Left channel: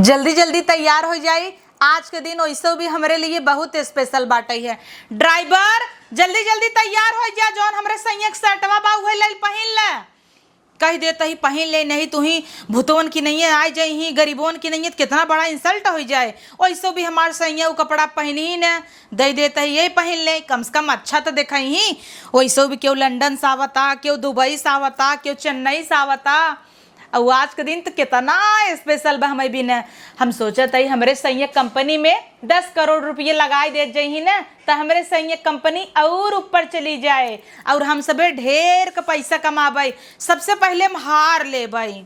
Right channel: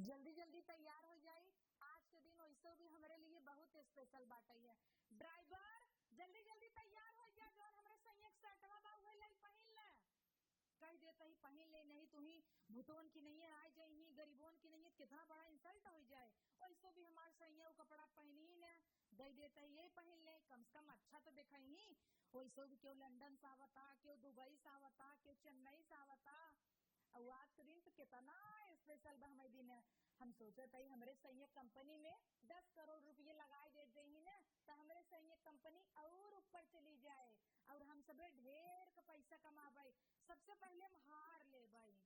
जल्दी जल्दी तैयार हो जाई। आज के दिन वैसे भी हमारे लिए बहुत स्पेशल बाटे है। ड्राइवर जल्दी जल्दी तैयार हो जा, जौन हमरे संयक सटवा बा उहे ले पहिन ले। कह देता ही पहिन ले, नहीं तू ही भूतवन की नहीं है, आ जाई ही गरीबों की नहीं है, कितना बड़ा इंसल्ट हो जाए। वैसे भी हमारे सैया वो कपड़ा पहनी ही न दे देता ही, ये पहन ले, कम से कम अच्छा तो देखा ही। वैसे भी क्यों लंदन से आवता, क्यों दुबई से आवता, क्यों चेन्नई से आवता। और आज के दिन तो कितना स्पेशल बा हमें भी न। हम सोचत ही हमरे संयक कंपनी में 10 करोड़ रुपये लगाए दे जाही न, तो हमरे संयक कंपनी और ऊपर चली जाए और हम सबे ढेर का पैसा कमाबे। सबसे पहले हम हार लेबई,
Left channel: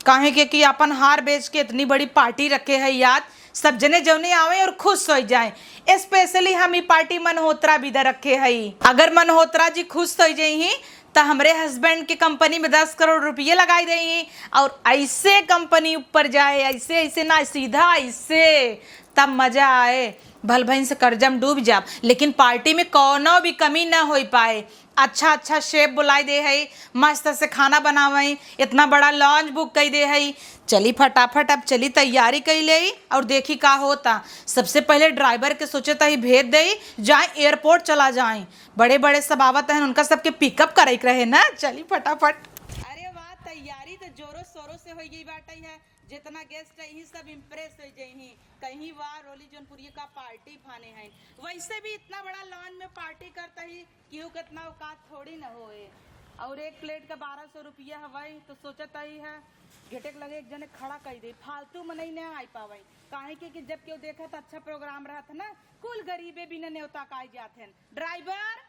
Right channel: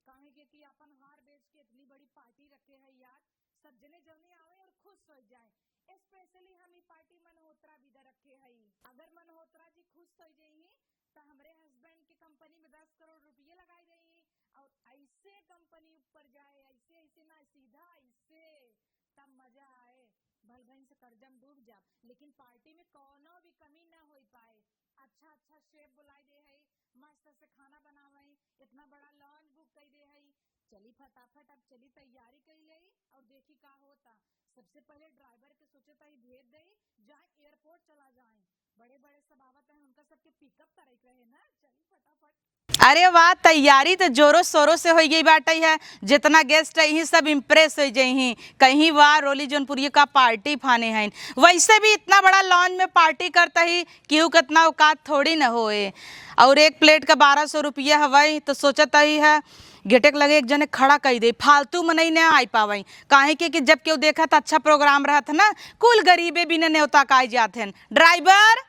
काहे कि अपन हार बेच के इतनी बड़ी पार्टी रखे है याद, सब जने जौने आवे और खुश हो जाए। स्पेशली हम ई पार्टी मनहोत्रा भी दे रखे है। अगर मनहोत्रा जी खुश हो जाही तो हमरे हस्बैंड की कंपनी में 10 करोड़ रुपये लगाई देही और ऐसे कंपनी ऊपर जाए, ऐसे ऐसे ना, सीधा ऐसे, तब मजा आए। भल भैन से कर्जम डूब जाब, लेकिन पार्टी में कोनो भी कमी ना हो पाए। अच्छा अच्छा शेफ बुलाई दे है, मस्त से खाना बनावे, इतना बड़ा लॉन्च बुक कर दे है। चली फटाफट अब चली तैयारी कर ले और देखी का होता। सबसे पहले ड्राइवर के सोचे ही भेज दे, जाए एयरपोर्ट चला जाए। बड़े बड़े सब आवत हैं, उनका सबके पिकअप करे रहे ना। चली फटाफट। अरे वाह, तैयारी तो जोरों शोरों से हो गई बाटे है। जितना गेस्ट है यही सब इम्प्रेस हो जाही। कहीं वाह रोली जौनपुरी का पार्टी फाने हैं। वैसे भी इतना बड़ा लॉन्च में पार्टी करता ही क्यों, कितना औकात थोड़ी न होए। और एक प्लेट का 1200 रुपया हवाई, तो सोचता ही है गेटेक लगे एक जने खड़ा कर दे, फालतू में नहीं आई पावे। काहे कि जब क्यों देखा तो अच्छा प्रोग्राम रहा था ना, कुल गरीबे भी न्योता का जाते हैं। ड्राइवर,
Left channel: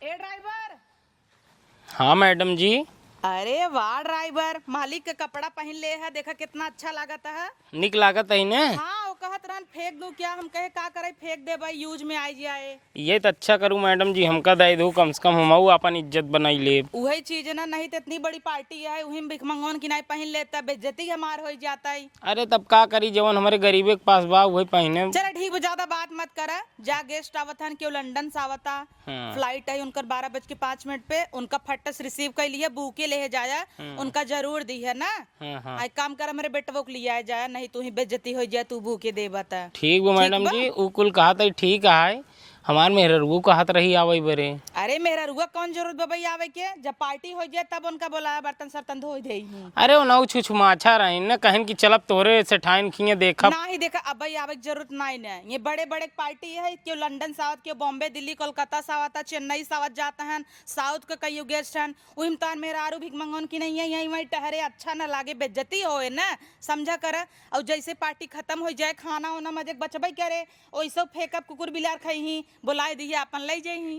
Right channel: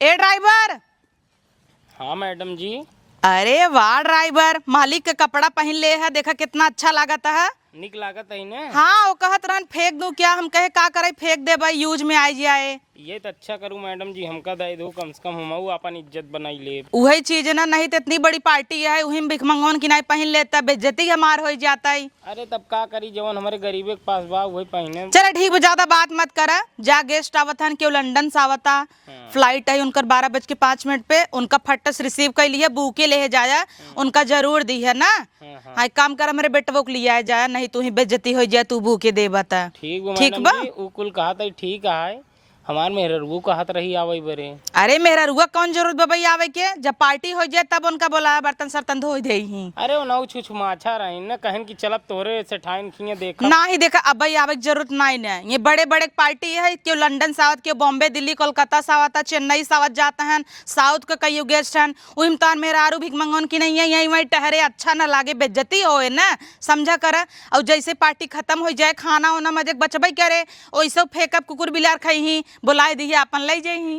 ए ड्राइवर। हाँ मैडम जी। अरे वाह ड्राइवर, मालिक का कपड़ा पहन ले है, देखा कितना अच्छा लागत है। निक लागत है ने। हाँ, वो कहत रहन फेंक दूं क्या, हम कहे का करे फेंक दे भाई, यूज में आई जाए। ये तो अच्छा करूँ मैडम जी, हमका दे दो, कम से कम हम अपन इज्जत बनाई ले। वही चीज है ना, नहीं तो इतनी बड़ी पार्टी है, वही में भिखमंगन की नहीं पहन लेता, बेइज्जती हमार हो जाता है। अरे तब का करी, जवन हमारे गरीबे के पास बा वही पहने। चलो ठीक है, ज्यादा बात मत कर। जा गेस्ट आवत हन, क्यों लंदन से आवता। हाँ। फ्लाइट है उनकर 12:05 पे, उनका फट्टस रिसीव कर लिया, बुके ले जाया, उनका जरूर दी है ना। हाँ। हाँ, काम कर हमारे बेटवो को लिया जाए, नहीं तू ही बेइज्जती हो जाए, तू भूखे दे बता। ठीक बा मैडम जी, उ कुल कहा था ठीक है। हमार मेहररू कहत रही आवे बरे। अरे मेरा रुआ कौन जरूरत बबई आवे के, जब पार्टी हो जाए तब उनका बोला बर्तन सर्तन धो दे ही। अरे वो नौ छुछमाछा रही न, कहन की चलब तोरे से ठाइन खिए देखा ना ही देखा, अब भाई आवे की जरूरत नहीं ना। ये बड़े बड़े पार्टी है, क्यों लंदन से आवत, क्यों बॉम्बे दिल्ली कोलकाता से आवता, चेन्नई से आवत जाते हैं, साउथ के कई गेस्ट हैं। वही तो मेरा आरू भिख मंगन की नहीं है, यही वही ठहरे, अच्छा ना लागे, बेइज्जती होए ना, समझा कर। और जैसे पार्टी खत्म हो जाए, खाना वाना मजे बचबे करे, वैसे फेंकअप कुकुर बिलार खही, बुलाए दिए अपन ले जाही।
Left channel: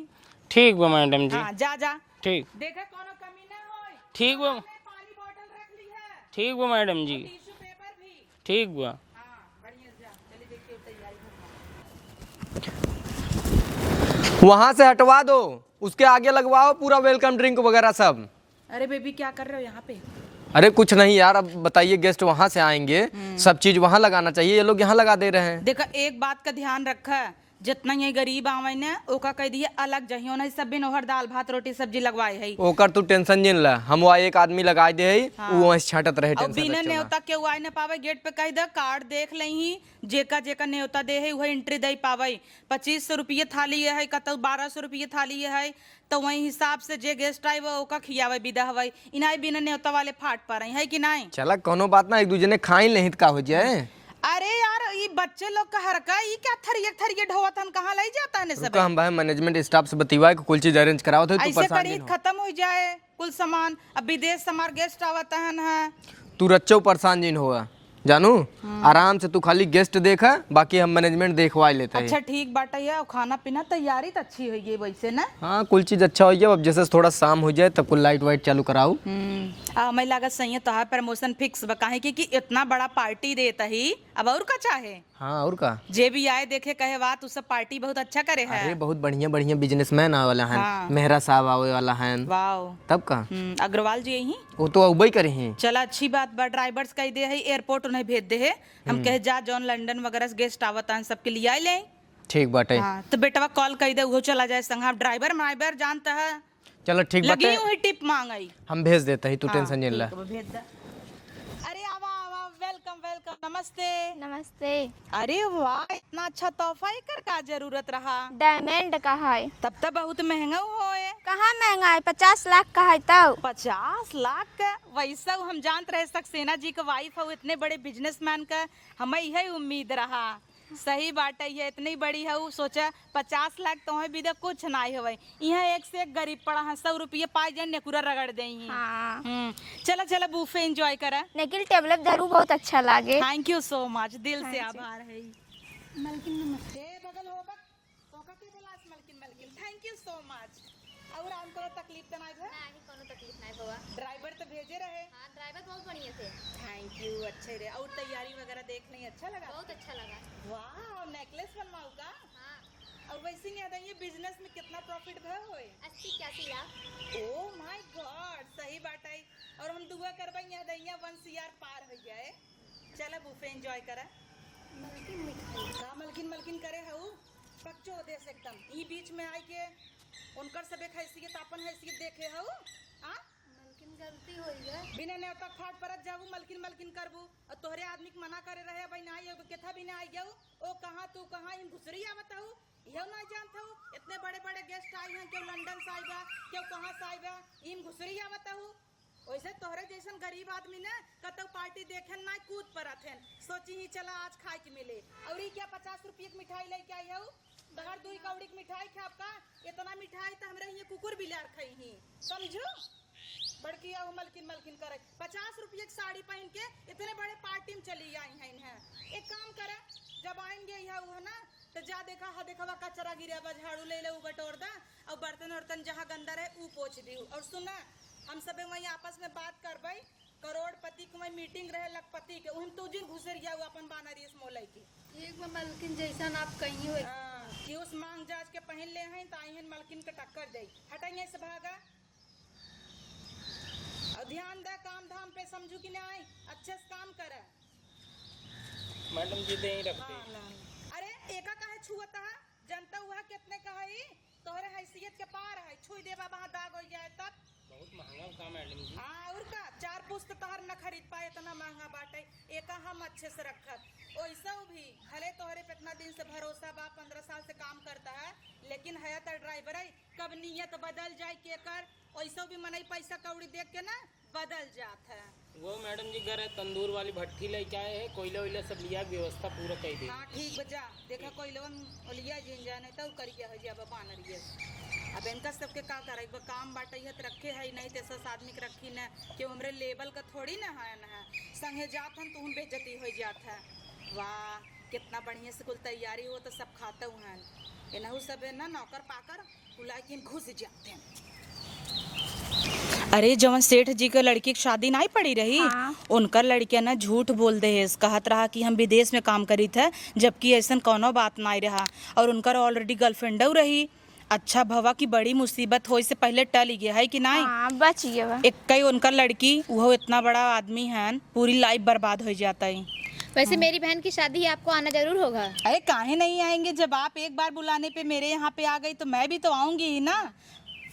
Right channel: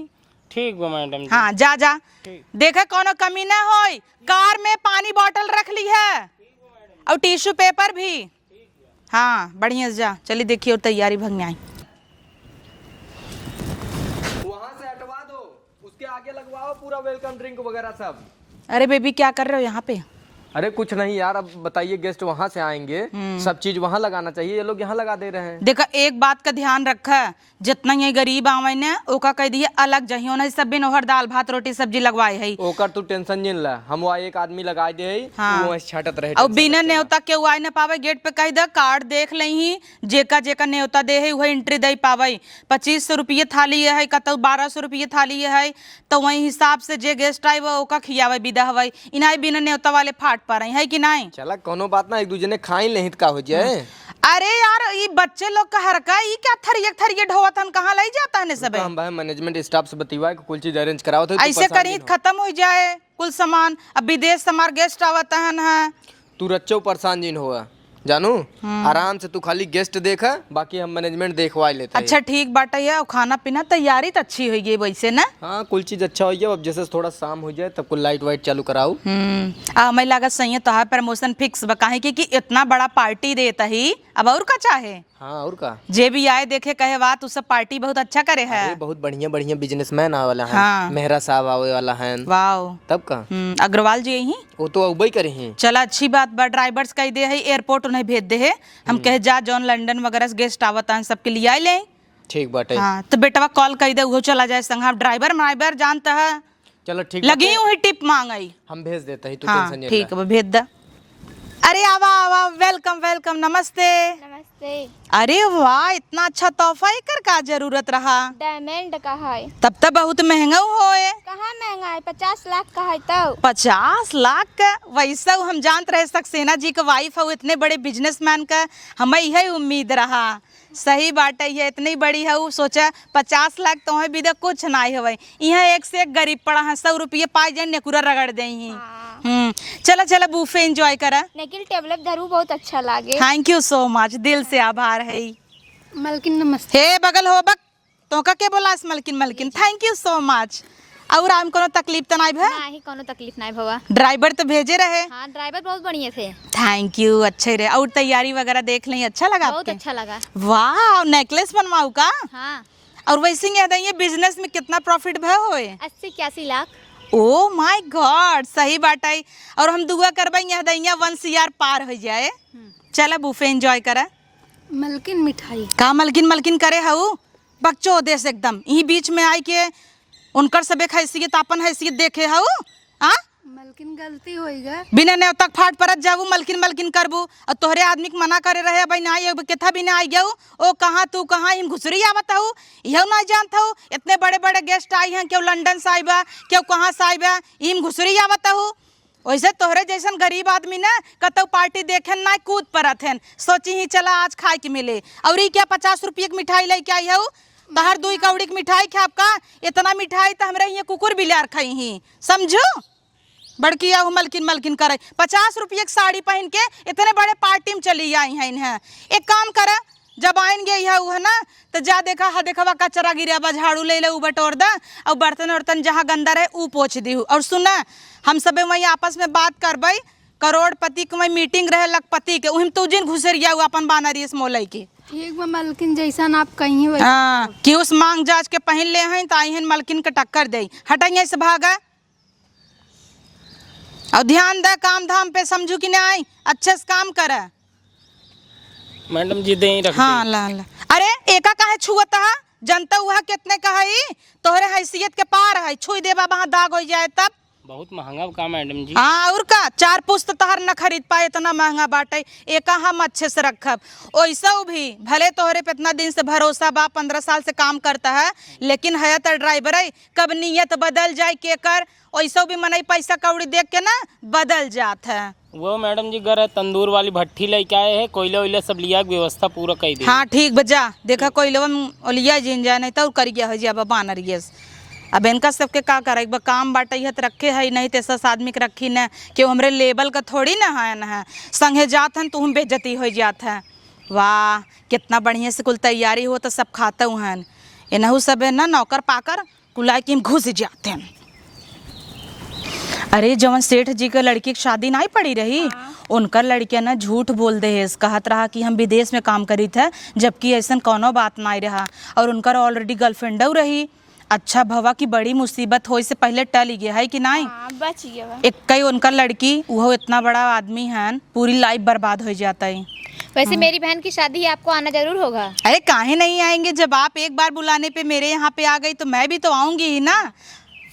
ठीक बा मैडम जी। हाँ, जा जा। ठीक। देखा कोनो कमी ना होई। ठीक कार बा। में पानी बोतल रख ली है ठीक बा मैडम और जी। टिश्यू पेपर भी। ठीक बा। हाँ, बढ़िया से जा। चलिए देखिए और तैयारी भगने आई। वहां से हटवा दो, उसके आगे लगवाओ पूरा वेलकम ड्रिंक वगैरह सब। अरे बेबी क्या कर रहे हो यहाँ पे? अरे कुछ नहीं यार, अब बताइए गेस्ट वहां से आएंगे, सब चीज वहां लगाना चाहिए, ये लोग यहाँ लगा दे रहे हैं। देखा एक बात का ध्यान रखा, जितना ये गरीब आवे ने ओका कह दिए अलग जहियो नहीं, सब बिन ओहर दाल भात रोटी सब्जी लगवाए है। ओकर तू टेंशन जिन ला, हम वहाँ एक आदमी लगाए दे है, हाँ। वो वहाँ से छाटत रहे। और बिना न्योता के आए न पावे, गेट पे कह दे कार्ड देख लही, जेका जेका न्योता दे है वही एंट्री दे पावे। 2500 रुपये थाली है, कतौ 1200 रुपये थाली है, तो वही हिसाब से जे गेस्ट आए वो ओका खियावे विदा हवे। इनाई बिना न्योता वाले फाट पा रही है कि नहीं? चला कोनो बात ना, एक दूसरे ने खाई नहीं का हो जाए। अरे यार ये बच्चे लोग का हरका, ये क्या थरिये थरिये ढोवत हन, कहाँ ले जाता है सब? हम भाई मैनेजमेंट स्टाफ से बतिवा के कुल चीज अरेंज कराओ थे। ऐसे करी खत्म हो जाए कुल सामान। अब विदेश से हमारे गेस्ट आवत है। तू रच्चो परेशान जिन हुआ जानू, आराम से तू खाली गेस्ट देखा, बाकी हम मैनेजमेंट देखवा लेते हैं। अच्छा ठीक बात है, और खाना पीना तैयारी तो अच्छी हुई है वैसे ना। हाँ, कुल चीज अच्छा हो जाए। अब जैसे थोड़ा शाम हो जाए तब कुल लाइट वाइट चालू कराओ। हमें लगा सही है, तो प्रमोशन फिक्स बकाहे कि इतना बड़ा पार्टी देता ही, अब और का चाहे। हाँ, और का जे भी आए देखे कहे बात, उस सब पार्टी बहुत अच्छा करे है। अरे बहुत बढ़िया बढ़िया बिजनेसमैन आवे वाला है। हाँ। मेहरा साहब आवे वाला है। वाओ। तब का अग्रवाल जी यही। वो तो अगुवाई करे हैं। चला अच्छी बात बा, ड्राइवर्स कह दे है एयरपोर्ट उन्हें भेज दे है। हम कहे जा जॉन लंदन वगैरह से गेस्ट आवत हैं सबके लिए आए ले। ठीक बाटे। हाँ, तो बेटवा कॉल कर दे, वो चला जाए संग। ड्राइवर जानता है, चलो ठीक लगी बाटे। वही टिप मांगई। हम भेज देते हैं, तू हाँ टेंशन ठीक है, भेज दा। अरे आवा आवा, वेलकम वेलकम, नमस्ते। नमस्ते। अरे वाह, इतना अच्छा तोहफा एकर का जरूरत रहा? डायमंड का है। तब तो बहुत महंगा होए। कहाँ महंगा है, 50 लाख का है। तो 50 लाख का? वैसा हम जानते रहे सक्सेना जी का वाइफ हो, इतने बड़े बिजनेसमैन का हमें यही उम्मीद रहा। सही बात है, ये इतनी बड़ी है, सोचा 50 लाख तो है भी कुछ नहीं हवे। यहाँ एक से एक गरीब पड़ा है, 100 रुपये पाई जाए नेकुरा रगड़ दे। चला चला बूफे एंजॉय करा। लेकिन टेबलेट धरू बहुत अच्छा लागे। थैंक यू सो मच, दिल से आभार है। मलकिन नमस्ते। हे बगल हो बक, तो का के बोला मलकिन मलकिन, थैंक यू सो मच। और आम कोनो तकलीफ तो नहीं भे? नहीं, कोनो तकलीफ नहीं भवा। ड्राइवर तो भेजे रहे? हाँ, ड्राइवर बहुत बढ़िया थे। थैंक यू, अच्छे रहे। और तैयारी वगैरह देख लें, अच्छा लगा बहुत आपके? अच्छा लगा। वाह, नेकलेस बनवाऊ का? हाँ। और वैसे ही याद है, बिजनेस में कितना प्रॉफिट भय होए? 80-81 लाख। ओ माय गॉड, सही बात है। और हम दुआ करबे याद है 1 CR पार हो जाए। चला बूफे एंजॉय करा। मलकिन मिठाई का मलकिन मलकिन करे हऊ? बच्चों देश एकदम यही बीच में आई के उनकर सबे हैसियत अपन हैसियत देखे हऊ। हाँ, मलकिन गलती होइगा। बिना ने तक फाट परत जाबू, मलकिन मलकिन करबू, और तोहरे आदमी के मना करे रहे भाई ना केथा भी ना आई गऊ। ओ कहाँ तू कहाँ हिम घुसरी आवत हूँ, यह ना जानता हूँ। इतने बड़े बड़े गेस्ट आई हैं, क्यों लंदन से आईबा, क्यों कहाँ से आईबा, हिम घुसरी आवत हूँ। वैसे तोहरे जैसन गरीब आदमी ना कतौ पार्टी देखे ना कूद परत हैं, सोची ही चला आज खाए के मिले। और क्या 50 रुपये की मिठाई लेके आई हूँ? तहर 2 कौड़ी की मिठाई खाब का? इतना मिठाई तो हमारे यहाँ कुकुर बिलार खाई ही, समझो। बड़की आहू मलकिन मलकिन करे, 50 रुपये की साड़ी पहन के इतने बड़े पार्टी में चली आई हैं। एक काम करे, जब आएंगे यह है ना, तो जा देखा हा देखा कचरा गिरा, झाड़ू ले ले बटोर दा, और बर्तन वर्तन जहाँ गंदा रहे ऊ पोछ दी। और सुना, हम सब वही आपस में बात करबे, करोड़पति के वही मीटिंग रहे लखपति के, उहिम तू जिन घुसरिया अपन बानरी मोलई के। ठीक बा मलकिन, जैसा आप कहीं वैसा। हाँ, कि उस मांग जांच के पहन ले हैं तो आई हैं मलकिन के टक्कर दे। हटाइए से भागा, और ध्यान दे काम धाम पे, समझू कि नहीं, अच्छे से काम करे। मैडम जी दे रख हाँ ला ला। अरे एका काहे छुअत है? जनता हुआ कितने का है, तोहरे हैसियत के पार है, छुई देबा वहाँ दाग हो जाए तब। बहुत महंगा का मैडम जी। हाँ, और का 4 पुस्त तहर न खरीद पाए, इतना महंगा बाटे। एका हम अच्छे से रखब। वैसा भी भले तोहरे पे इतना दिन से भरोसा बा, 15 साल से काम करता है, लेकिन है तो ड्राइवर है, कब नियत बदल जाए के कर, वैसा भी मनई पैसा कौड़ी देख के ना बदल जात है। वो मैडम जी घर तंदूर वाली भट्टी लेके आए हैं, कोयला वोयला सब लिया के व्यवस्था पूरा कर दी। हाँ ठीक बजा, देखा कोयला लिया जिन जाए, नहीं तो करिया हो जाए बानर ये। अब इनका सबके का करे, काम बाटे है तो रखे है, नहीं तो 10 आदमी के रखी न, क्यों हमरे लेवल का थोड़ी ना है संगे जात हैं तो हम बेइज्जती हो जात है। वाह, कितना बढ़िया से कुल तैयारी हो तो सब खाते हैं। इनहू सब है ना नौकर पाकर कुलाए कि हम घुस जाते हैं। अरे जवन सेठ जी के लड़की की शादी नहीं पड़ी रही, उनकर लड़कियां ना झूठ बोल दे है, कहत रहा कि हम विदेश में काम करी थे, जबकि ऐसा कोनो बात नहीं रहा। और उनकर ऑलरेडी गर्लफ्रेंड रही। अच्छा भवा की बड़ी मुसीबत हो से पहले टल गया है कि नहीं? बच गया। एक कई उनका लड़की, वो इतना बड़ा आदमी है, पूरी लाइफ बर्बाद हो जाता है। वैसे मेरी बहन की शादी है, आपको आना जरूर होगा। अरे काहे नहीं आएंगे, जब आप एक बार बुलाने पे मेरे यहाँ पे आ गई तो मैं भी तो आऊंगी ही ना।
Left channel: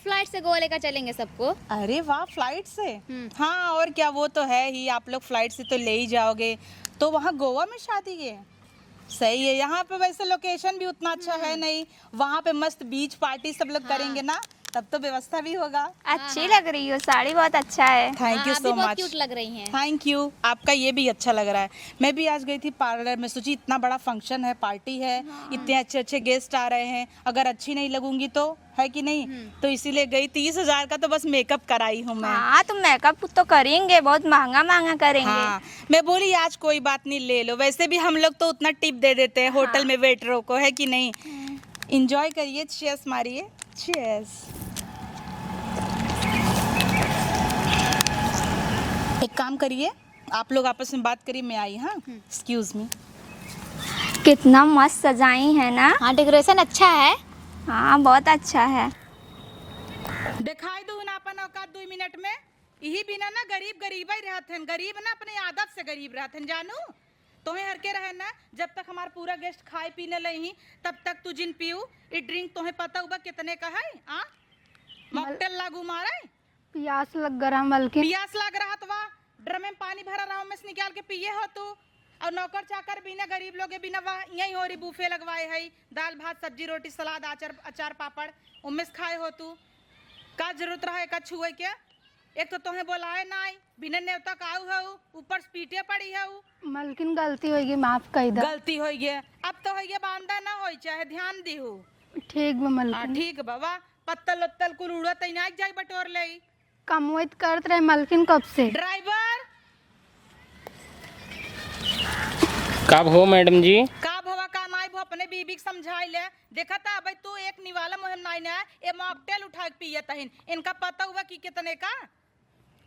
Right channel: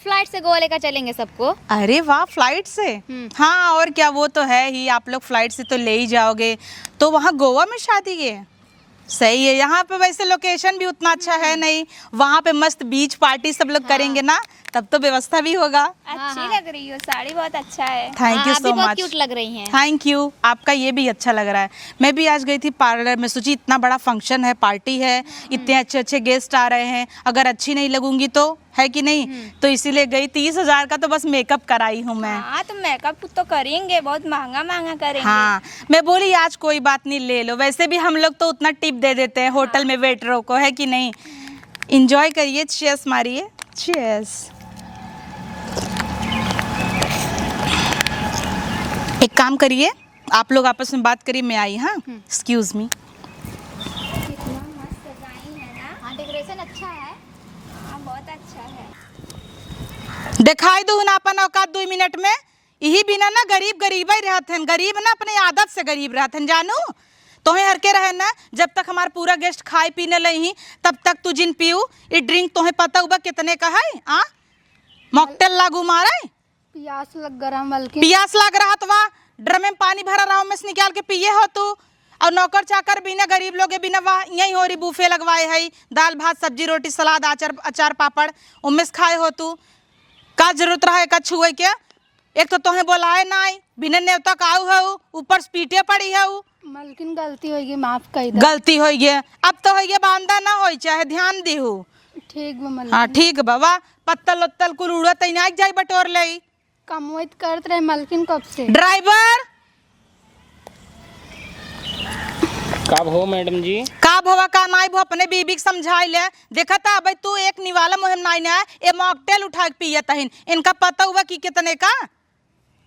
फ्लाइट से गोवा लेकर चलेंगे सबको। अरे वाह, फ्लाइट से? हाँ, और क्या, वो तो है ही, आप लोग फ्लाइट से तो ले ही जाओगे। तो वहाँ गोवा में शादी है? सही है। यहाँ पे वैसे लोकेशन भी उतना अच्छा है नहीं, वहाँ पे मस्त बीच पार्टी सब लोग करेंगे ना, तब तो व्यवस्था भी होगा। अच्छी लग रही हो, साड़ी बहुत अच्छा है। थैंक यू सो बहुत मच। क्यूट लग रही हैं। थैंक यू, आपका ये भी अच्छा लग रहा है। मैं भी आज गई थी पार्लर में, सोची इतना बड़ा फंक्शन है, पार्टी है, इतने अच्छे अच्छे गेस्ट आ रहे हैं, अगर अच्छी नहीं लगूंगी तो है कि नहीं, तो इसीलिए गई। 30,000 का तो बस मेकअप कराई हूँ मैं। हाँ, तो मेकअप तो करेंगे, बहुत महंगा महंगा करेंगे। हाँ, मैं बोली आज कोई बात नहीं, ले लो। वैसे भी हम लोग तो उतना टिप दे देते हैं होटल में वेटरों को, है कि नहीं। इंजॉय करिए, चीयर्स मारिए, चीयर्स। एक काम करिए, आप लोग आपस में बात करिए, मैं आई। हाँ, एक्सक्यूज मी। कितना मस्त सजाई है ना। हाँ, डेकोरेशन अच्छा है। हाँ, बहुत अच्छा है। दिखाई दो ना अपन औकात 2 मिनट में। यही बिना ना गरीब गरीब ही रहते हैं, गरीब ना अपने आदत से गरीब रहते हैं, जानू। तुम्हें हर के रहे ना, जब तक हमारा पूरा गेस्ट खाए पीने लही तब तक तू जिन पीऊ। ये ड्रिंक तुम्हें पता हुआ कितने का है? मॉकटेल लागू मारे, प्यास लग रहा, बल्कि पियास लग रहा तो वाह, ड्रम में पानी भरा रहा में से निकाल के पिए हो तू। और नौकर चाकर बिना गरीब लोग के बिना वहाँ यही हो रही बूफे लगवाए है, दाल भात सब्जी रोटी सलाद अचार पापड़ उनमें से खाए हो तू। का जरूरत रहा का छुए के? एक तो तोहे बोलाए नाई बिना नेवता काऊ है, ऊपर से पीटे पड़ी है। मलकिन गलती होगी, माफ कर दे। गलती हो गया अब तो हो गया, बांधा ना हो चाहे ध्यान दीहू। ठीक बा मलकिन। हाँ ठीक बाबा, पत्तल उत्तल कुल उड़त ना जाई बटोर ले। कमवत करत रहे मलकिन कब से। ड्राइवर कब हो मैडम जी? का भवा का नाई भो अपने बीबी के समझाई ले। देखा था भाई तू एक निवाला मुहिम नाई ना ये मॉकटेल उठा के पिए तहिन, इनका पता हुआ कि कितने का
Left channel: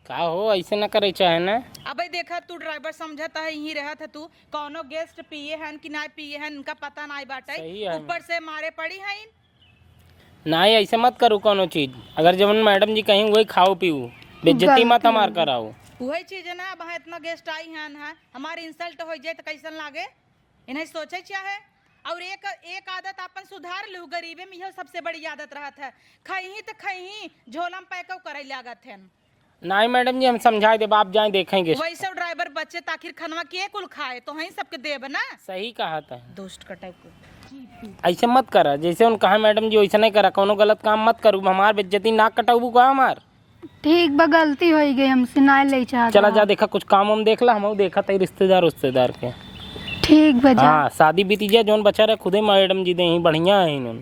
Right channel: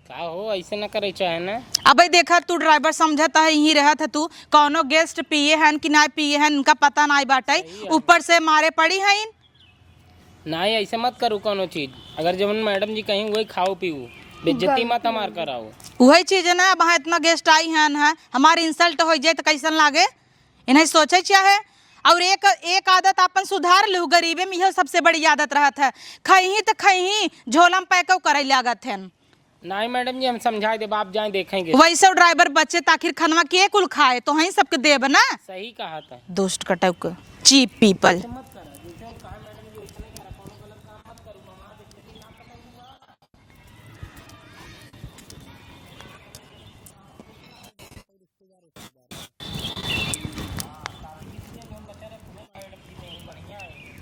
हो ऐसे ना करे चाहे ना। अब देखा तू ड्राइवर समझता है यही रहा था तू, कौनो गेस्ट पिए हैं कि ना पिए हैं इनका पता ना बाटे, ऊपर से मारे पड़ी है इन। नहीं ऐसे मत करो कोनो चीज, अगर जब मैडम जी कहीं वही खाओ पीओ, बेइज्जती मत हमार कराओ। वही चीज है ना, वहाँ इतना गेस्ट आई हैं हमारी इंसल्ट हो जाए तो कैसन लागे, इन्हें सोचे चाहे। और एक आदत अपन सुधार लू, गरीबे में यह सबसे बड़ी आदत रहत है, खही तो खही झोलम पैको करे लागत है। नहीं मैडम जी हम समझा दे, आप जाए देखेंगे। वैसे ड्राइवर बच्चे ताखिर खनवा के कुल खाए तो वहीं सबके देब ना। सही कहा था। दुष्ट कटक चीप पीपल। ऐसे मत करा जैसे उन कहा मैडम जी वैसे नहीं करा, कोनो गलत काम मत करू, हमार बेइज्जती नाक कटाऊ का हमार। ठीक बा गलती हो गई हमसे, ना ले चाहता। चला जा देखा कुछ काम हम देख ला, हम देखा तई रिश्तेदार के। ठीक बा जा। हाँ शादी बीती जाए जोन बचा रहे खुदे मैडम जी दे बढ़िया है।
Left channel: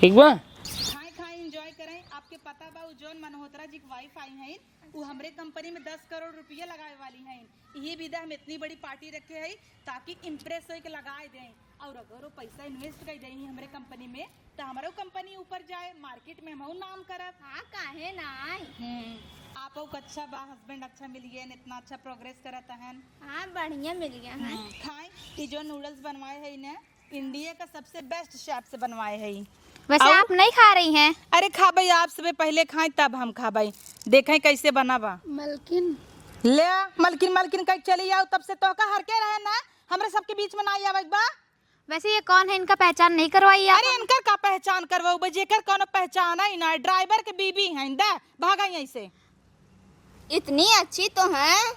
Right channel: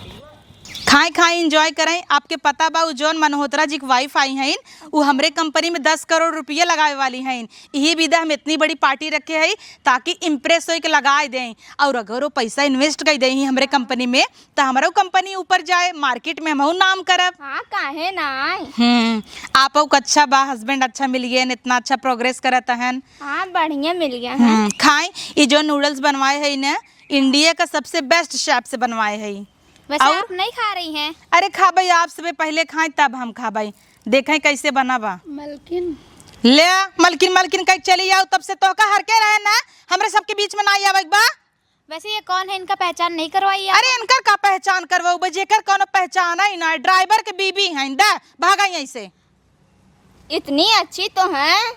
ठीक बा खाए खाए इंजॉय करें। आपके पता बा जोन मनहोत्रा जी की वाइफ आई हैं वो हमरे कंपनी में 10 करोड़ रुपये लगाए वाली हैं। यही विदा हम इतनी बड़ी पार्टी रखे हैं ताकि इम्प्रेस हो के लगाए दें, और अगर वो पैसा इन्वेस्ट कर दें हमरे कंपनी में तो हमारा कंपनी ऊपर जाए, मार्केट में हम नाम करब। हाँ काहे ना। आप अच्छा बा, हस्बैंड अच्छा मिल गए, इतना अच्छा प्रोग्रेस करत हैं। हाँ बढ़िया मिल गया है। खाएं ये जो नूडल्स बनवाए हैं ना इंडिया का सबसे बेस्ट शेफ से बनवाए हैं। वैसे आप नहीं खा रही हैं? अरे खा भाई, आप सबसे पहले खाएं तब हम खा भाई, देखें कैसे बना बा। मलकिन ले मलकिन कहीं चली आओ, तब से तो का हर के रहे ना हमरे सबके बीच में ना आवे बा। वैसे ये कौन है, इनका पहचान नहीं करवाई आप? अरे इनकर का पहचान करवाऊ बा, जेकर कोनो पहचान है ना, ड्राइवर के बीबी हैं दा भागा यहीं से। इतनी अच्छी तो हैं,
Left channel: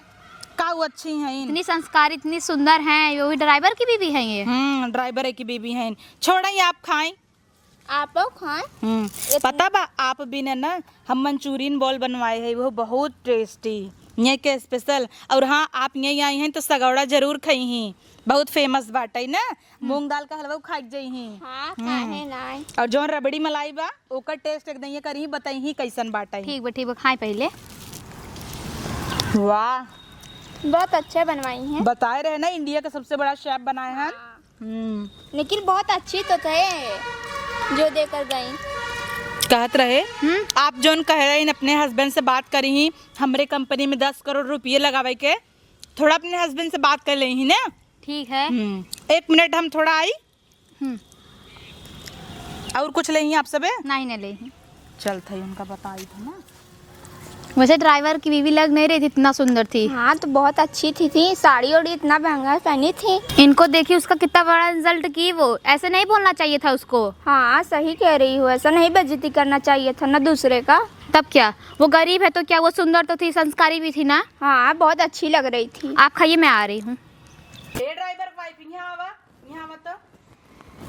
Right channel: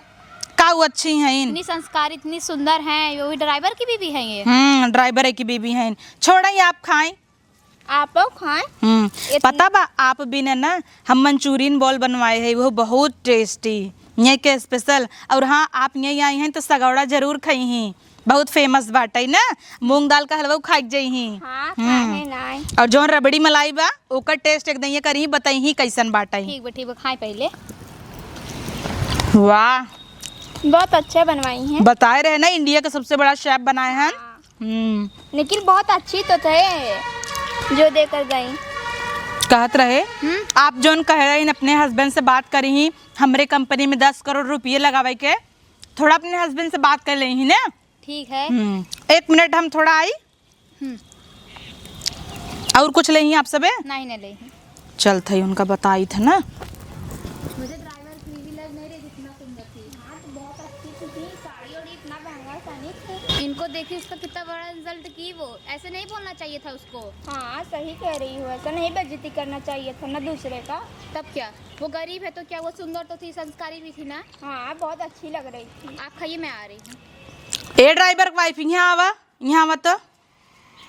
का वो अच्छी हैं इन। इतनी संस्कार इतनी सुंदर हैं, वो भी ड्राइवर की बीबी हैं ये। ड्राइवर की बीबी हैं। छोड़े आप खाएं। आप खाएं। पता बा आप बिना ना हम मंचूरियन बॉल बनवाए हैं, वो बहुत टेस्टी ये के स्पेशल। और हाँ आप यहीं आई हैं तो सगौड़ा जरूर खाई ही, बहुत फेमस बाटे ना, मूंग दाल का हलवा खाई जाई ही। हाँ खाने ना। और जो रबड़ी मलाई बा ओकर टेस्ट एकदम ये करी बताई ही कैसन बाटे। ठीक बा खाएं पहले। वाह बहुत अच्छे बनवाई हैं। बताए रहे ना इंडिया का सबसे बड़ा शेफ बनाए हैं। लेकिन बहुत अच्छी तो थे जो देकर गई। कहत रहे आप जोन कह रहे हैं अपने हस्बैंड से बात करी ही हमरे कंपनी में 10 करोड़ रुपये लगावे के, थोड़ा अपने हस्बैंड से बात कर ले ही ना। ठीक है। 1 मिनट हम थोड़ा आई। और कुछ ले ही आप सबे नहीं ना ले। चल थे उनका बताई था ना। वैसे ड्राइवर की बीवी लग नहीं रही थी, इतना सुंदर थी। हाँ तो बहुत अच्छी थी साड़ी ओड़ी इतना महंगा पहनी थी। इनको देखी उसका कितना बड़ा इंसल्ट की, वो ऐसे नहीं बोलना चाहिए था उसको। हाँ सही कह रही हो, ऐसा नहीं बेइज्जती करना चाहिए था ना दूसरे का। तब क्या वो गरीब है तो क्या वो सुंदर तो थी, संस्कारी भी थी ना। हाँ बहुत अच्छी लग रही थी। आप खाइए मैं आ रही हूँ। ए ड्राइवर वाइफ यहाँ आवा तो।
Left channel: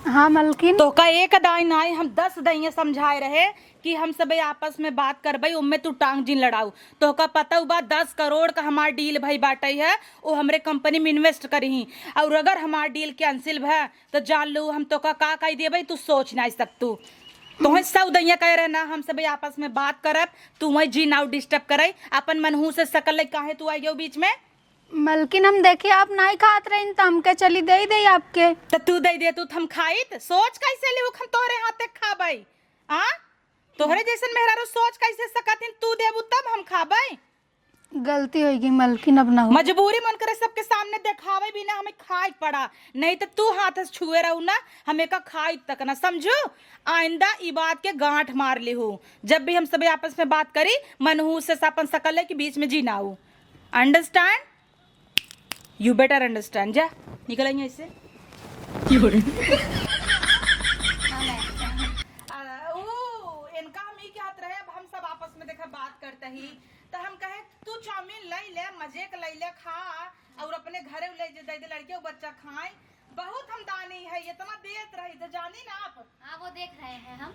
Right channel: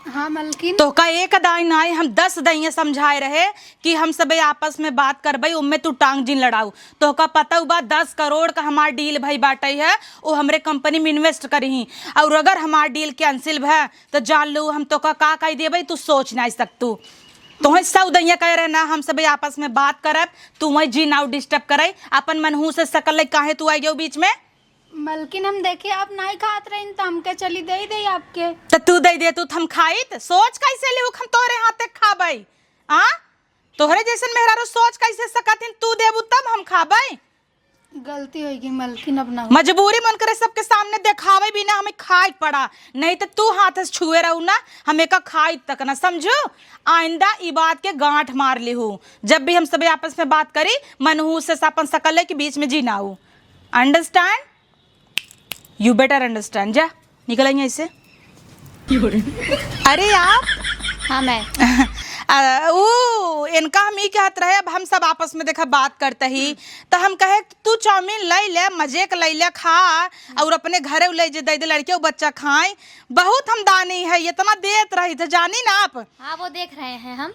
हाँ मलकिन तो का एक दाई नाई हम 10 दाइयाँ समझाए रहे कि हम सबे आपस में बात कर भाई, उनमें तू टांग जिन लड़ाऊ। तो का पता हुआ 10 करोड़ का हमार डील भाई बाटे है, वो हमरे कंपनी में इन्वेस्ट करी। और अगर हमार डील कैंसिल है तो जान लो हम तो का कह दे भाई, तू सोच नहीं सकतू। तुम्हें सब दैया कह रहे ना हम सब आपस में बात करब, तू वही जी नाउ डिस्टर्ब करे, अपन मनहू से सकल काहे तू आई जाओ बीच में। मलकिन हम देखे आप नहीं खात रही तो हमके चली दे दे आपके। तो तू दे तू हम खाई तो सोच कैसे ले हम तोरे हाथे खाबाई। हाँ तोहरे जैसन मेहरारू सोच कैसे सकतिन, तू देबू तब हम खाबाई। गलती होगी मलकिन, अब ना मजबूरी मन करे सबके सामने देखावे बिना हमें खाई पड़ा, नहीं तो तू हाथ से छुए रहू ना हमें का खाई तक ना। समझो आइंदा ई बात के गांठ मार ले हो, जब भी हम सब आपस में बात करी मनहू से अपन सकल के बीच में जी ना हो। अंडरस्टैंड? You better understand. जा निकल आई ऐसे। अरे आप हाँ मैं ओ इनका हम ही कहत रहे, अब हम सब आपस में देखा बात करते ही तो हम कहे तू चाउमीन ले ले, मजे के ले ले, खा और अपने घरे ले जे दे दे लड़के और बच्चा खाए। बहुत हम दानी है, इतना देत रही थे, जानी ना आप। हाँ वो देख रहे हैं हम।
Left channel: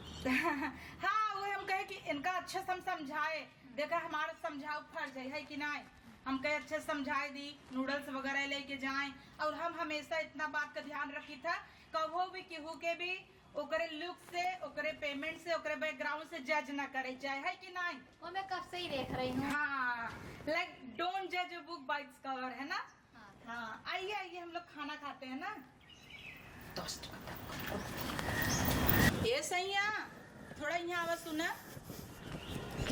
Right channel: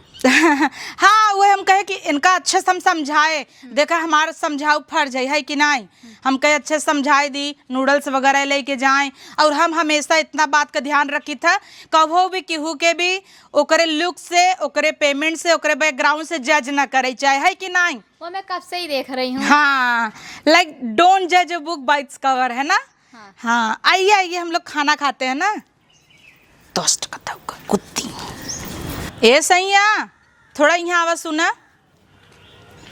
हाँ वो हम कहे कि इनका अच्छे से हम समझाए, देखा हमारा समझाओ फर्ज है कि नहीं। हम कहे अच्छे से समझाए दी, नूडल्स वगैरह लेके जाएं। और हम हमेशा इतना बात का ध्यान रखी था, कहो भी केहू के भी ओकरे लुक से, ओकरे पेमेंट से, ओकरे बैकग्राउंड से जज ना करे चाहे, है कि नहीं। वो मैं कब से ही देख रही हूँ। हाँ, लाइक डोंट जज a book by its cover, है ना। हाँ आइए आइए, हम लोग खाना खाते हैं ना। दोस्त कुत्ती ए सैया, थोड़ा यहाँ आवाज सुना।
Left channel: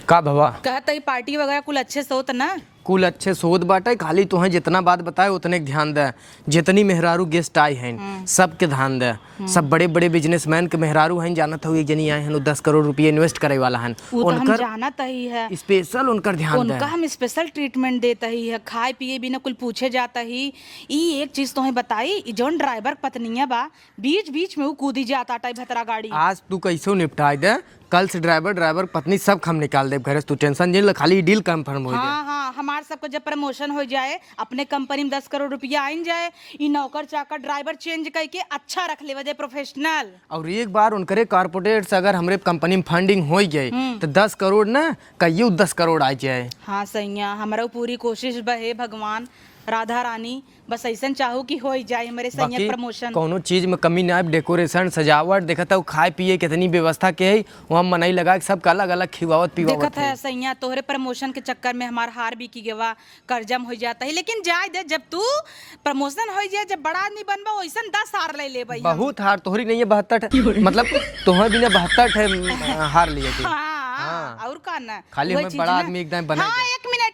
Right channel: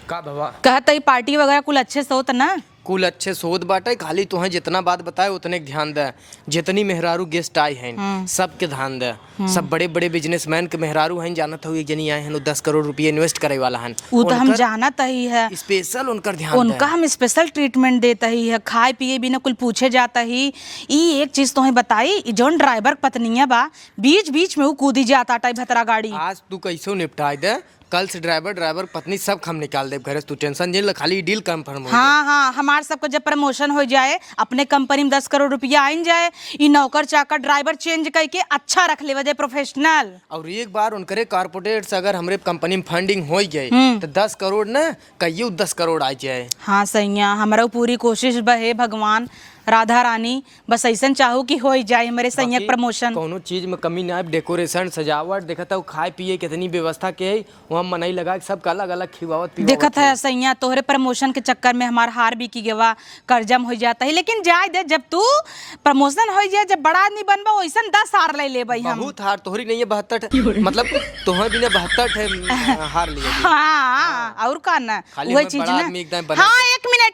का बाबा कहता ही पार्टी वगैरह कुल अच्छे से होता ना। कुल अच्छे सोच बाटे, खाली तुम्हें जितना बात बताए उतने के ध्यान दे। जितनी मेहरारू गेस्ट आए हैं सबके ध्यान दे। सब बड़े बड़े बिजनेसमैन के मेहरारू हैं, जानत हो एक जनी आए हैं 10 करोड़ रुपये इन्वेस्ट करे वाला हैं। वो तो हम जानत ही है, स्पेशल उनकर ध्यान दे। उनका हम स्पेशल ट्रीटमेंट देता ही है, खाए पिए बिना कुल पूछे जाता ही। ये एक चीज तुम्हें बताई, जोन ड्राइवर पत्निया बा बीच बीच में वो कूदी जाता टाइप भतरा गाड़ी। आज तू कैसे निपटाए दे, कल से ड्राइवर पत्नी सब हम निकाल दे घर से। तू टेंशन नहीं ले, खाली डील कंफर्म हो। हाँ हाँ, हमारे सबको जब प्रमोशन हो जाए, अपने कंपनी में 10 करोड़ रुपया आइन जाए, ये नौकर चाकर ड्राइवर चेंज करके अच्छा रख ले वजह प्रोफेशनल। और एक बार उनकरे कॉर्पोरेट से अगर हमरे कंपनी में फंडिंग हो गई तो 10 करोड़ ना कहियो 10 करोड़ आ जाए। हाँ सैया, हमारा पूरी कोशिश बहे भगवान राधा रानी, बस ऐसा चाहू कि हो जाए हमारे सैया प्रमोशन। कोनो चीज में कमी ना आए, डेकोरेशन सजावट देखता हूँ, खाए पिए कितनी व्यवस्था के है वहाँ मनई लगा के सबका अलग अलग खिवावत पिवावत देखत है सैया, तोहरे प्रमोशन के चक्कर में हमारा हार भी की गवा, कर्जम हो जाता है। लेकिन जाए दे, जब तू प्रमोशन हो जाए, जब बड़ा आदमी बनबा वैसा 10 हार ले ले भाई। बहुत हार तोहरी नहीं है, 72 मतलब तुम्हारे बिना 72 हार लिए। हाँ और का ना खाली वही हमें चीज बड़ा ना। आदमी एकदम बना हाँ एक मिनट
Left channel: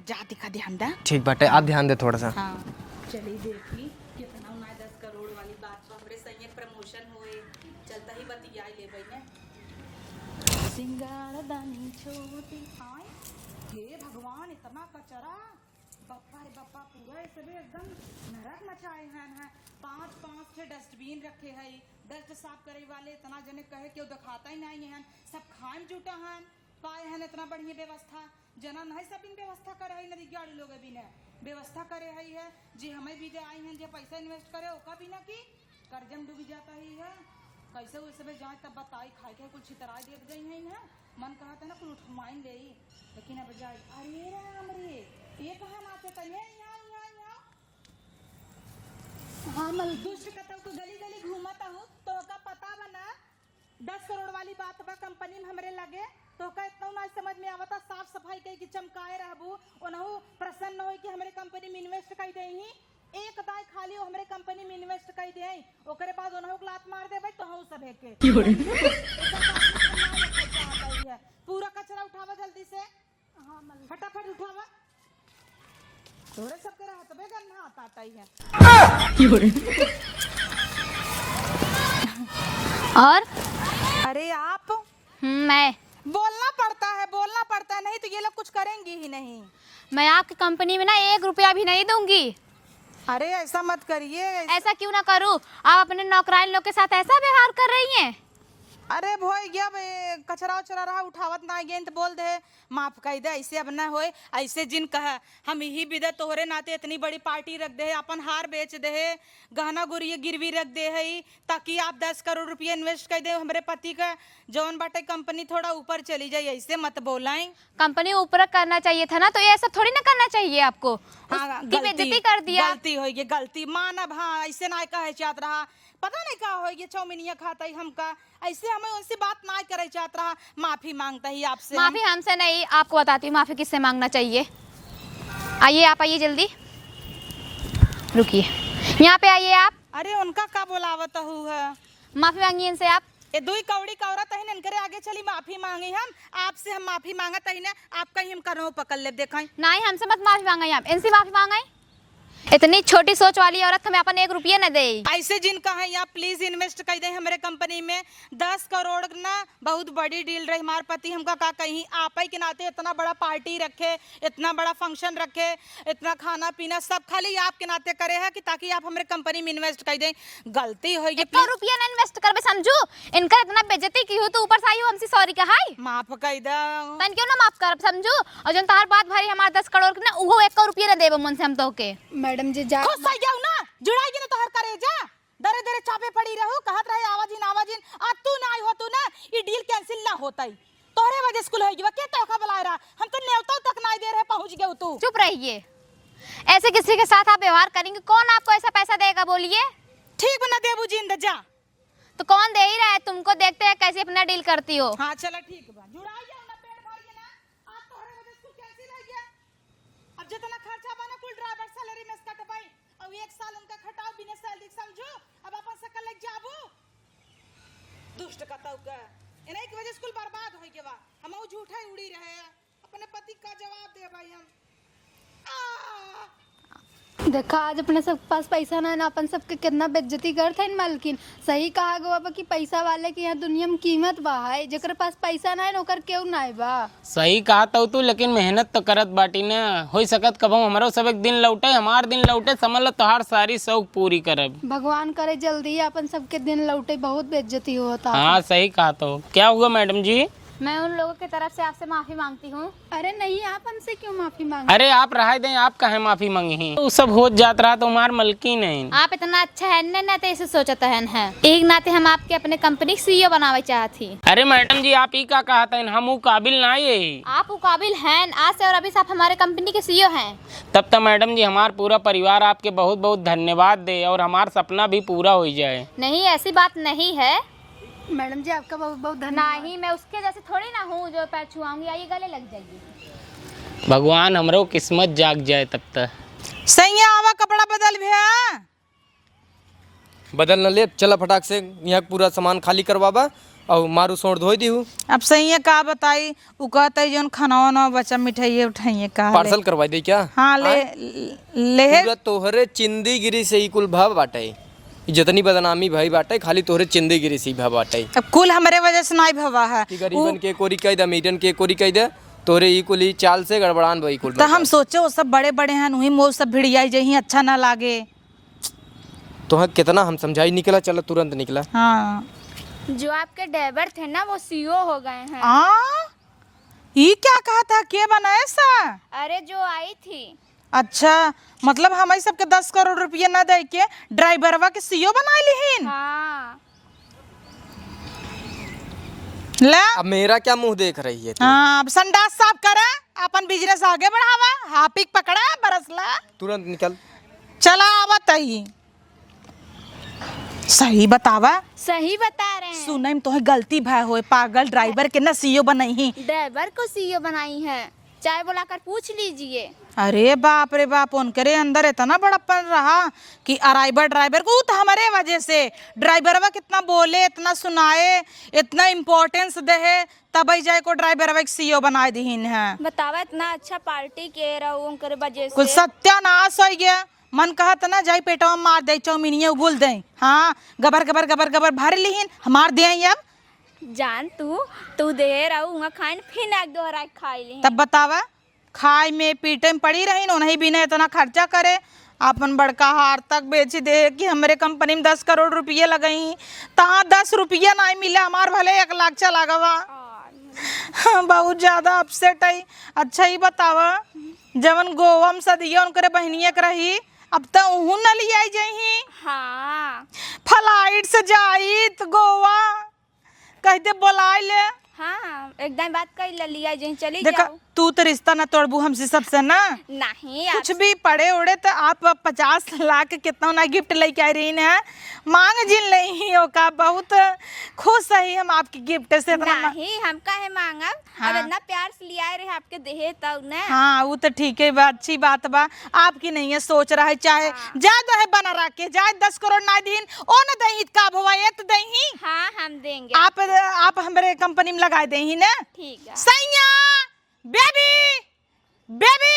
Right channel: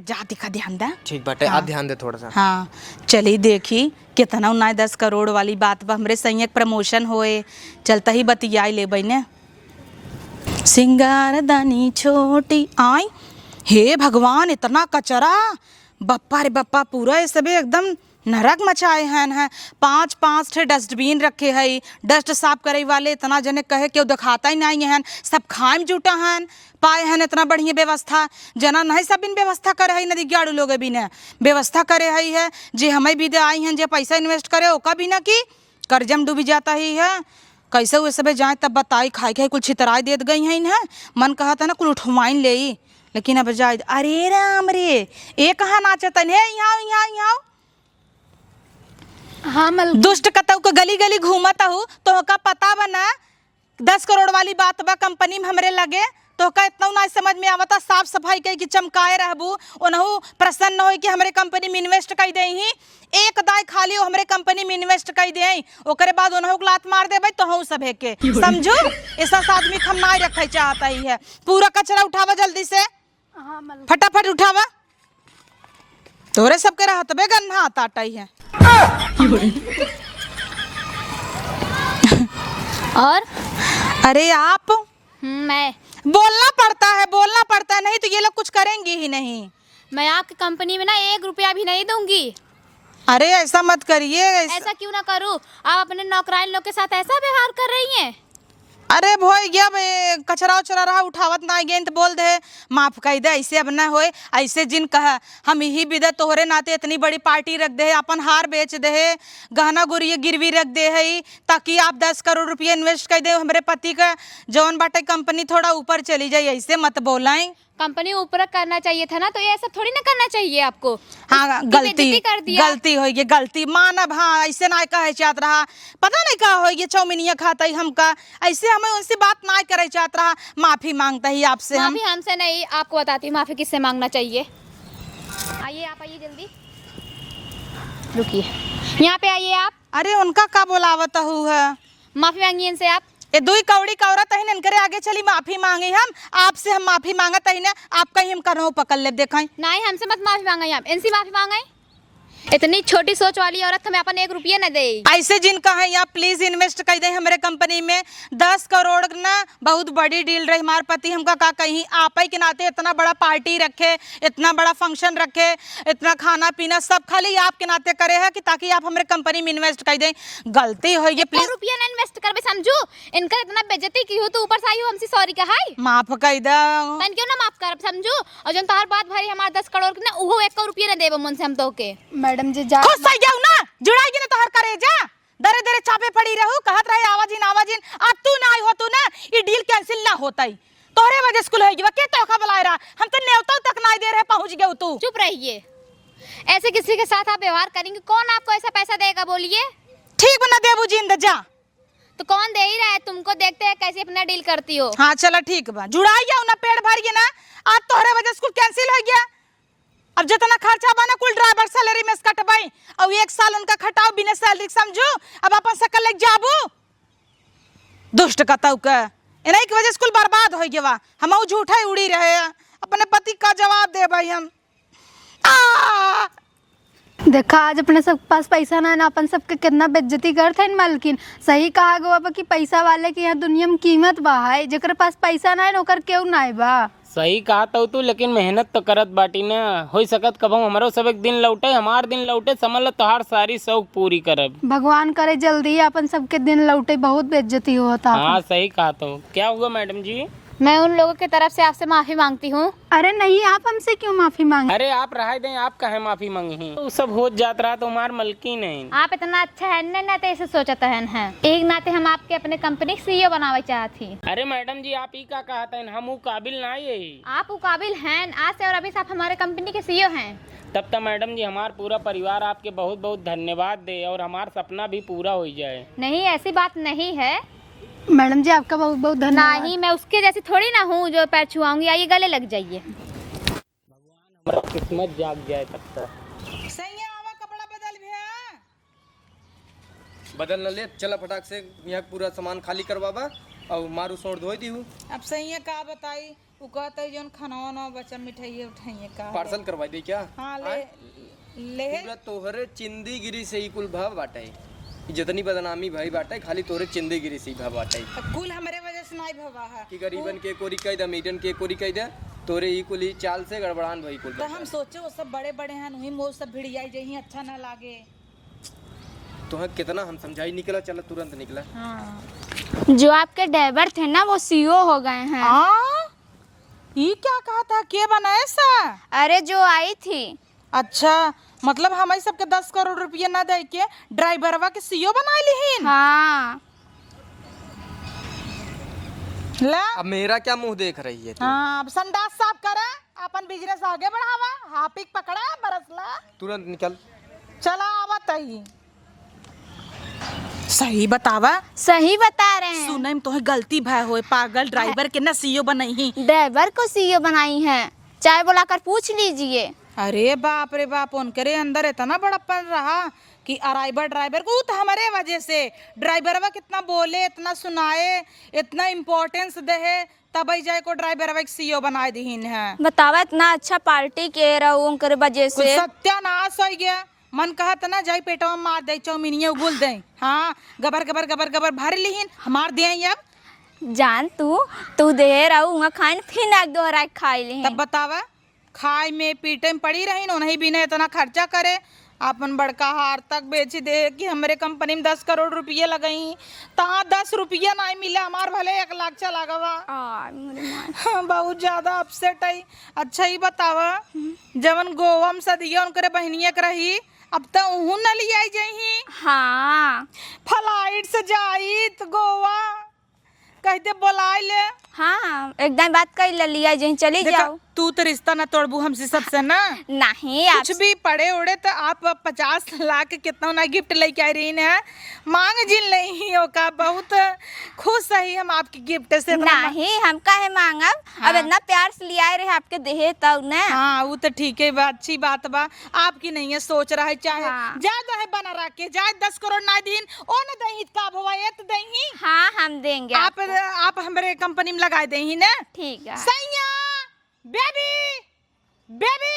जा, दिखा ध्यान दे। ठीक बाटे, आप ध्यान दे थोड़ा सा। हाँ चली देखी कितना उन्ना 10 करोड़ वाली बात बा, हमरे संयक प्रमोशन होए, चलता ही बतियाई ले बने। सिंगार दानी छोटी आई, हे भगवान इतना कचरा, बप्पा रे बप्पा, पूरा ये सब एकदम नरक मचाए हैं। 5 ठे डस्टबिन रखे है, डस्ट साफ करे वाले इतना जने कहे क्यों दिखाता ही नहीं है, सब खाए में जुटा हैं। पाए हैं इतना बढ़िया व्यवस्था, जना नहीं सब इन व्यवस्था करे है, नदी गाड़ू लोग भी ने व्यवस्था करे है। जे हमें भी दे आई हैं, जे पैसा इन्वेस्ट करे ओका भी ना की कर्जम डूबी जाता ही है। कैसे हुए सब जाए तब बताई, खाए खाए कुल छितराई देत गई हैं। मन कहा था ना कुल उठवाइन ले, लेकिन अब जाए, अरे राम रे, ये कहाँ नाचतन है, यहाँ हाँ दुष्ट कतौ को गली गली घूमता हूँ, तो का पता बना 10 करोड़ वाली बात बा कंपनी में हमरे लगे, तो का इतना ना समझ में आवता। साफ सफाई कही कि चमकाए रहबू, ओनहु प्रसन्न हो कि हमरे कंपनी में इन्वेस्ट कर दे ही, एक दाई खाली हो हमरे कंपनी में इन्वेस्ट कर दे, ओकरे बाद ओनहु को लात मार दे भाई, तो हूँ सब के समझो। ऐसा आदमी हम ना रखे चाहता ही है। पूरा कचरा उठावा जल्दी से, फटाफट उठावा, तोरे सबके रहत बे गन्ना आता ही है। और अरे आप, मैं बोलना पड़ता है, नहीं तो ये लोग कुछ करेंगे ही नहीं। मैं आपकी कंपनी में ना 1 रुपया भी नहीं दूंगी। अरे ऐसा मत करिए। ऐसा क्यों ना करूं? आप अपने नौकरान लोग के साथ ऐसा व्यवहार कर रही हैं। अरे भोई गया कचरा उचरा रहा उठावत ना गेंद बोल दे, माफ कर दे, ऐसे अब ना होए। ऐसे जिन कहा हम यही विदे तोहरे नाते इतनी बड़ी पार्टी रख दे, अपन हार बेच दे, गहना गुरिया गिरवी रख दे है, ताकि आप 10 करोड़ रुपये इन्वेस्ट कर दे हमारे पति का जौन बाटे कंपनी थोड़ा ऊपर चली जाए। ऐसे मत बोलाएं। कंपनी ऊपर करना चाहिए था ना, तो ये ऐसा थोड़ी ना करना चाहिए आपको। हाँ गलती होगी, गलती मानब। हाँ ऐसे ना कहे चाहत रहा, पता नहीं कहा होगी चौमिनिया खाता ही हमका, ऐसे हमें उनसे बात ना करे चाहत रहा। माफी मांगता ही आपसे। माफी हमसे नहीं, आपको बताती हूँ माफी किससे मांगना चाहिए। आइए आप, आइए जल्दी, रुकिए यहाँ पे आइए आप। अरे उनका का बोलावत है, माफी मांगिए इनसे आप। ये दुई कौड़ी कौरत है, इनकरे आगे चली माफी मांगे हम आपसे, हम माफी मांगत है ना, आप कहीं हम करो पकड़ ले देखाई। नहीं हमसे मत माफी मांगे, आप इनसे माफी मांगे। इतनी छोटी सोच वाली औरत हमें अपन 1 रुपया न दे। ऐसे जिनका है यहाँ प्लीज इन्वेस्ट कर दे हमारे कंपनी में। 10 करोड़ ना बहुत बड़ी डील रही। हमारे पति हमका का कहीं आप ही के नाते इतना बड़ा पार्टी रखे, इतना बड़ा फंक्शन रखे, इतना खाना पीना सब खाली आपके नाते करे है कि ताकि आप हमारे कंपनी में इन्वेस्ट कर दें। गलती हो ये 1 रुपया न इन्वेस्ट करबे समझू। इनका इतना बेइज्जती की हो तो ऊपर से आई हो हमसे सॉरी कहाई। माफ कर दो। तन क्यों ना माफ करब समझू। और जन तोहर बात भारी हमार 10 करोड़ के ना वो 1 रुपया न देबो मन से हम तो के। मैडम जी जा खुश हो जाओ ना, जुड़ाई ना तोहर करे जा। दरे दरे छापे पड़ी रहू, कहत रहे आवाजीन आवाजीन। अब तू ना आई हो तू ना ये डील कैंसिल ना होताई। तोहरे वजह स्कूल है के तोखा बुलाए रहा। हम तो न्योता तक ना दे रहे पहुंच गए तू। चुप रहिए। ऐसे किसी के साथ आप व्यवहार करेंगे कौन आपको ऐसा पैसा देगा बोलिए। ठीक बना देबू जिंद जा। तो कौन दे ही रहा है तुमको, देखते हैं कैसे अपना डील करती हो। हाँ चलो ठीक बा, जुड़ाई जाओ ना, पेड़ भर गए ना। आज तोहरे वजह स्कूल कैंसिल हो गया। अब जितना खर्चा बना कुल ड्राइवर सैलरी में से कटवाई और 1 साल उनका खटाओ बिना सैलरी समझू। अब अपन सकल लेके जाबू दुष्ट कतौ का इन्हीं की वजह स्कूल बर्बाद हो गया। हम झूठा उड़ी रहे हैं। अपने पति का जवाब दे भाई हम। देखा आज अपने सब पास पैसा ना है ना, अपन सबके कितना बेइज्जती करते हैं मालकिन। सही कहा गो बाबा कि पैसा वाले की यहाँ दुनिया में कीमत बा है। जेकर पास पैसा ना है नौकर क्यों ना है बा। सही कहा तू, लेकिन मेहनत तो करत बाटी ना। हो सकत कब हमारो सब एक दिन लौटे, हमार दिन लौटे, समझ लो तोहार सारी शौक पूरी करब। भगवान करे जल्दी अपन सबके दिन लौटे। बहुत बेइज्जती होता। हाँ सही कहा तू। क्या हुआ मैडम जी? मैं उन लोगों की तरफ से आपसे माफी मांगती हूँ। अरे नहीं, आप हमसे क्यों माफी मांगे। अरे आप रह दें, आप कहे माफी मांगी। वो सब हो जात रहा तो हमार मलकी नहीं। आप इतना अच्छा है न नाते ऐसे सोचता है। एक नाते हम आपके अपने कंपनी CEO बनावे चाहती। अरे मैडम जी आप ही का कहा था, हम वो काबिल ना ये। आप वो काबिल हैं। आज से और अभी से आप हमारे कंपनी के CEO हैं। तब तो मैडम जी हमार पूरा परिवार आपके बहुत बहुत धन्यवाद दे और हमार सपना भी पूरा हो जाए। नहीं ऐसी बात नहीं है मैडम जी आपका बहुत बहुत धन्यवाद। नहीं मैं उसके जैसी थोड़ी ना हूँ जो पैर छुआऊंगी। आइए गले लग जाइए। भगवान हमरो किस्मत जाग जाए तब तक। सही है, आवा कपड़ा बदल भी है। बदल न ले, चला फटाक से यहाँ पूरा सामान खाली करवाबा और मारू सोड़ धोई दी हूँ। अब सही है का बताई। उ कहते जौन खाना वाना बच्चा मिठाइए उठाइए का पार्सल करवा दे क्या? हाँ ले पूरा तोहरे चिंदी गिरी से ही कुल भाव बाटे। जितनी बदनामी भाई बाटे खाली तोहरे चिंदी गिरी से ही भाव बाटे। अब कुल हमारे वजह से नहीं भवा है। कि गरीबन के कोरी कह दे, मीडियन के कोरी कह दे, तोरे ई कुल ही चाल से गड़बड़ान भाई कुल। तो हम सोचे वो सब बड़े बड़े हैं, वही मोह सब भिड़ियाई जही अच्छा ना लागे। तो कितना हम समझाई, निकला चला तुरंत निकला। हाँ जो आपके ड्राइवर थे ना वो CEO हो गए हैं। हाँ ये क्या कहा था, के बनाए सा? अरे जो आई थी। अच्छा मतलब हमारी सबके 10 करोड़ रुपया ना दे के ड्राइवरवा के CEO बना ली। हाँ ला अब मेरा क्या मुंह देख रही है? हाँ अब संडास साफ करे, अपन बिजनेस आगे बढ़ावा। हापिक पकड़ा बरसला तुरंत निकल। चला आवत ही। सही बतावा। सही बता रहे हैं। सुनई में तोहे गलती भाई होए, पागल ड्राइवर के ना CEO बनई। ड्राइवर को CEO बनाई हैं। चाय बुलाकर पूछ लीजिए। अरे बाप रे बाप, उनके अंदर इतना बड़प्पन रहा कि अराइबर ड्राइवर को तो हमारे वजह से ड्राइवरवा कितना बोले, इतना सुनाए, इतना इम्पोर्टेंस दे तब जाए को ड्राइवरवा के CEO बना दीन है। बतावा इतना अच्छा पार्टी के रहू उनके वजह कुछ से। सत्यानाश हो गया। मन कहत ना जाई पेटवा में मार दे, चौमिनिये उगुल दे। हाँ गबर गबर गबर गबर भर लीन हमार दे। अब जान तू दे रहू खाइन फिर ना दोहरा खाई ली। तब बतावा खाए में पीटे में पड़ी रही उन्हीं बिना इतना खर्चा करे। अपन बड़का हार तक बेच दे कि हमारे कंपनी में 10 करोड़ रुपये लगई। तहाँ 10 रुपया नहीं मिले, हमार भले 1 लाख चला गवा। हाँ, बहुत ज्यादा अपसेट है। अच्छा ही बतावा जवन गोवा में सदिया उनके बहनिया के रही, अब तो उहू न लिया जही। हाँ फ्लाइट से जाई तो गोवा कहते बुलाए ले। हाँ एकदम बात कर लिया जहीं चली जाओ। तू तो रिश्ता ना तोड़बू हमसे सबसे ना। नहीं कुछ भी पड़े उड़े तो आप 50 लाख कितना ना गिफ्ट लेके आई रही है। मांग जिल नहीं हो का, बहुत खुश है हम आपके गिफ्ट से। नहीं हम काहे मांगब। अब इतना प्यार से लिया रहे आपके देहे तब ना। हाँ वो तो ठीक है, अच्छी बात बा। आपकी नहीं है सोच रहा है चाहे ज्यादा है बना रहा के जाए 10 करोड़ ना दीन ओ ना दही का भवा ये तो दही। हाँ हम देंगे। आप हमारे कंपनी में लगा दही ना। ठीक है। सैया बेबी बेबी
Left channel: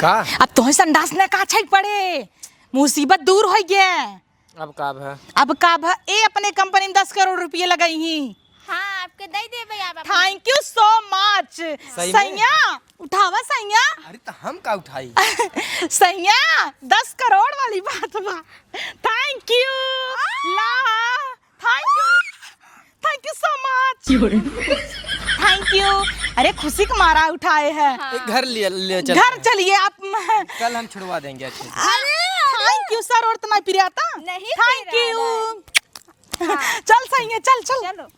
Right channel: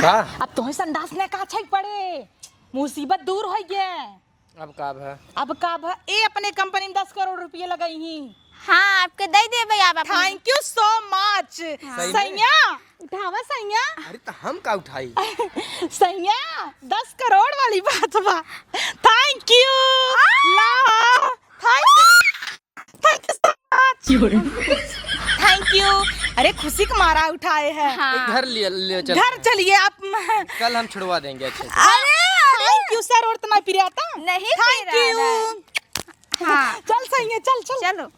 का अब तुम्हें संडास ने का छक पड़े, मुसीबत दूर हो गया। अब का है? अब का भा ए अपने कंपनी में 10 करोड़ रुपये लगाई ही। हाँ आपके दे दे भैया आप अपने। Thank you so much. सैया उठावा सैया। अरे तो हम का उठाई? सैया 10 करोड़ वाली बात बा। थैंक यू ला, thank you so much, thank you. अरे खुशी के मारा उठाए हैं। घर ले चल, घर चलिए आप। कल हम छुड़वा देंगे अच्छे से। अरे थैंक यू सर, और तो नहीं पिराता। नहीं थैंक पिराना। यू। चल सही है, चल चल चलो।